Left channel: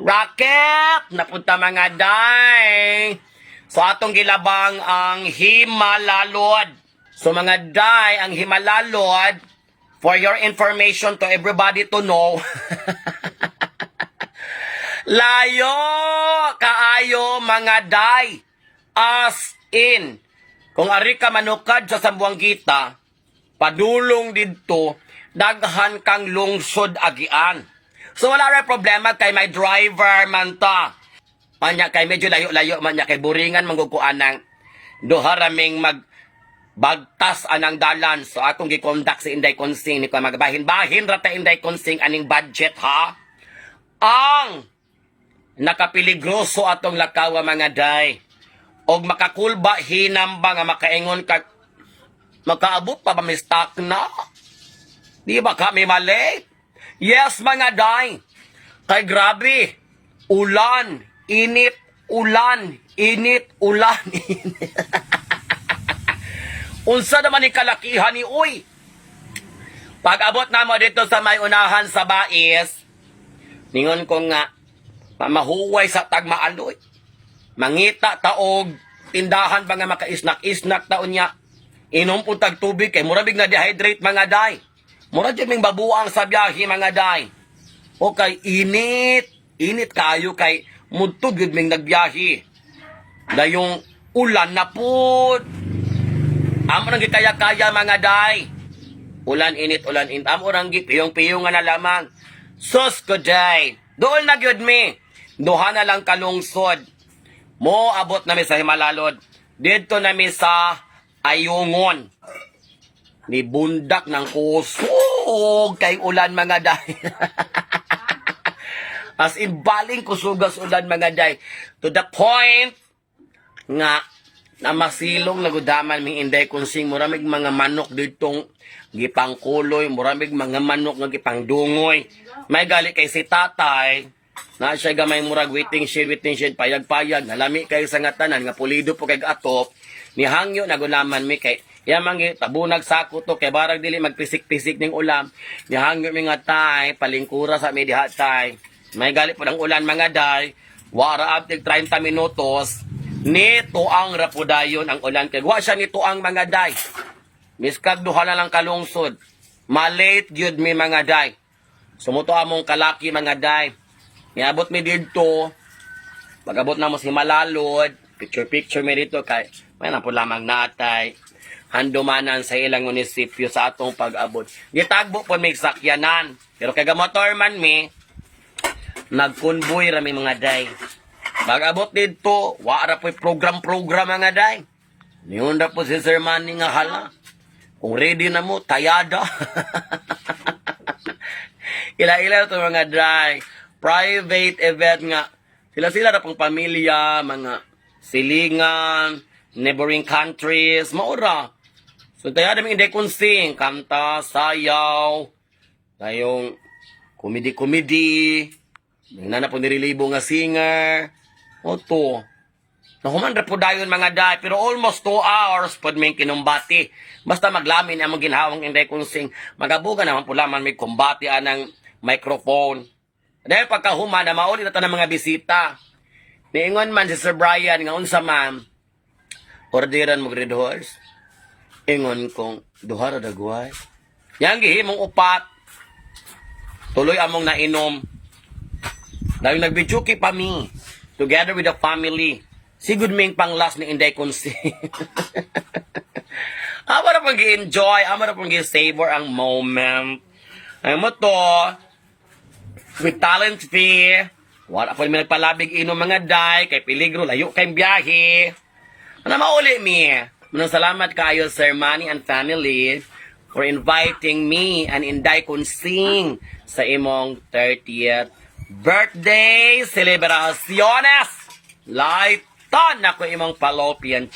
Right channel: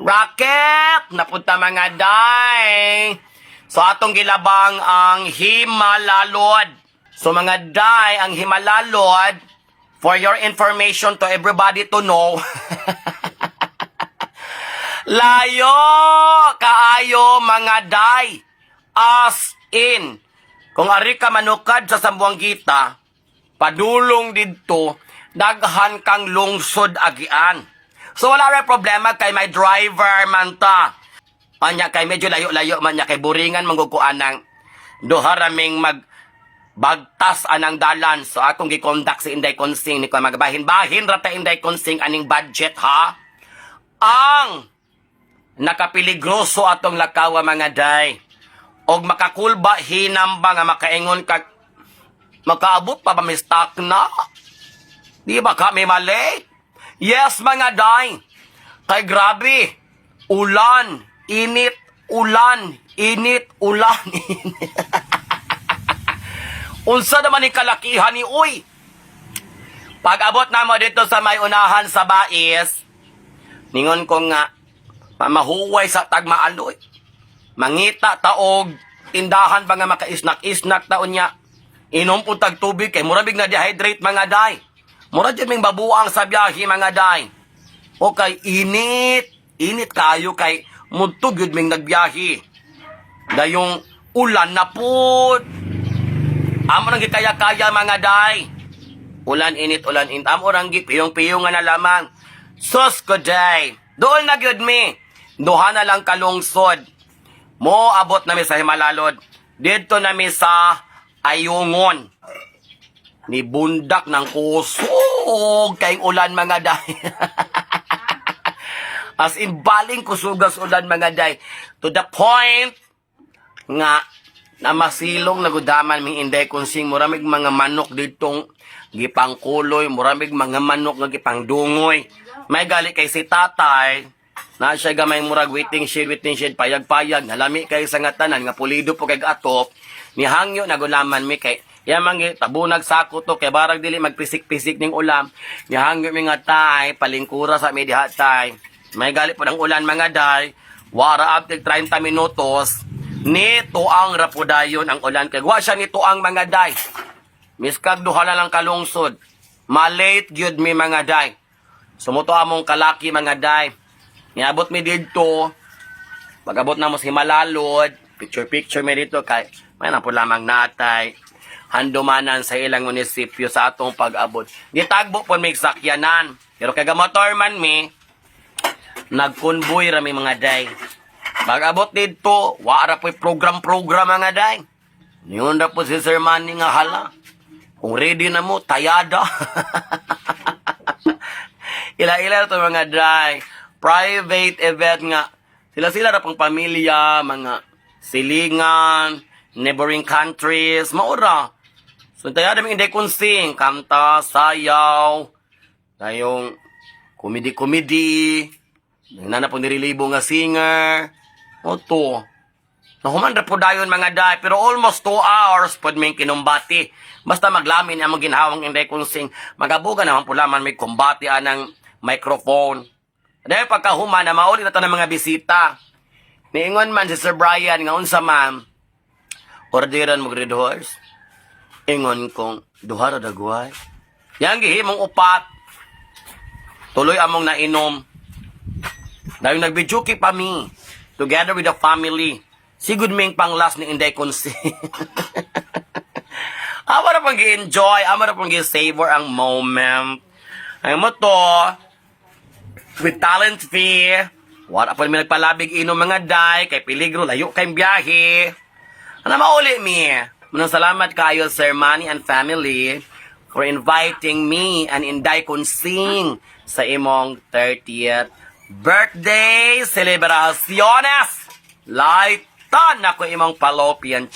Rocket! Napunta mga day. So atong gilabang ang Himalalod. So mga day, ang Himalalod, for your information to everybody to know, layo kaayo mga day. As in, kung ari ka manukad sa Sambuangita, padulong didto, daghan kang lungsod agian. So wala rin problema kay may driver man ta. Anya kay medyo layo-layo man niya kay buringan manggukuan ng duha raming magbagtas anang dalan. So akong gikondak si Inday Konsing ni ko magbahin-bahin ra ta Inday Konsing aning budget ha. Ang nakapiligroso atong lakawa mga day. Og makakulba hinamba nga makaingon ka makaabot pa ba may stock na? Di ba kami mali? Yes, mga day. Kay grabe. Ulan, init, ulan, init, ulan, init. Unsa naman ni kalakihan ni uy? Pag abot na mo dito sa may unahan sa bais, ningon ko nga, mahuway sa tagmaaloy. Mangita taog, tindahan ba nga makaisnak-isnak taon niya. Inom po tag tubig kay murabig na dehydrate mga day. Mura dyan ming babuang sa biyahe mga day. O kay init. Init kayo kay mudtog yun ming nagbiyahe. Dayong ulan na po. Amo nang gikaya-kaya mga day. Ulan init. Amo nang gipiyong-piyong nga na lamang. Sus ko day. Doon na gyud mi. Duha na lang kalungsod. Mo abot na mi sa Himalalod. Dito na mi sa Ayungon. Ni bundak ng kusog kayong ulan mga day. As in baling kusugas ulan mga day. To the point nga na masilong nagudaman mi Inday Konsing muramig mga manok ditong gipangkuloy, muramig mga manok nga gipangdungoy. May gali kay si tatay na siya gamay murag waiting shed payag-payag nalami kay sa nga tanan nga pulido po kay atop ni hangyo nagulaman mi kay yamangi tabunag sako to kay barag dili magpisik-pisik ning ulam ni hangyo mi nga tay palingkura sa mi diha tay may gali po ng ulan mga day wara after 30 minutos nito ang rapudayon ang ulan kay wa siya nito ang mga day miskag duha na lang kalungsod malate gyud mi mga day sumuto among kalaki mga day niabot mi didto pag-abot na mo sa Himalalod picture mi dito kay may na po lamang natay handumanan sa ilang munisipyo sa atong pag-abot. Gitagbo po may sakyanan. Pero kay motor man mi, nagkonvoy rami mga day. Pag-abot dito, wala po program-program mga day. Niyon na po si Sir Manny nga hala. Kung ready na mo, tayada. Ila-ila ito mga day. Private event nga. Sila-sila na pang pamilya, mga silingan, neighboring countries, maura. So, tayo namin Inday Konsing, kanta, sayaw, tayong komedi-komedi, yung nana po nirelibo nga singer, o to. Nahuman po dayon mga day, pero almost 2 hours po may kinumbati. Basta maglamin ang mga ginhawang Inday Konsing, magabuga naman po laman may kumbati anang microphone. Dahil pagkahuman na mauli na ito ng mga bisita. Niingon man si Sir Brian, nga unsa ma'am, orderan mo red horse. Ingon kong duha ra dagway. Yang gihimong upat. Tuloy among nainom. Dahil nagbijuki pa mi. Together with the family. Sigud ming pang last ni Inday Konsing. Amo na pang gi-enjoy. Amo na pang gi-savor ang moment. Ay mo to. With talent fee. Wala pa namin nagpalabig inom mga day. Kay peligro. Layo kayong biyahe. Ano mauli mi? Manong salamat kayo, Sir Manny and family, for inviting me and Inday Konsing sa imong 30th birthday celebraciones. Laitan ako imong fallopian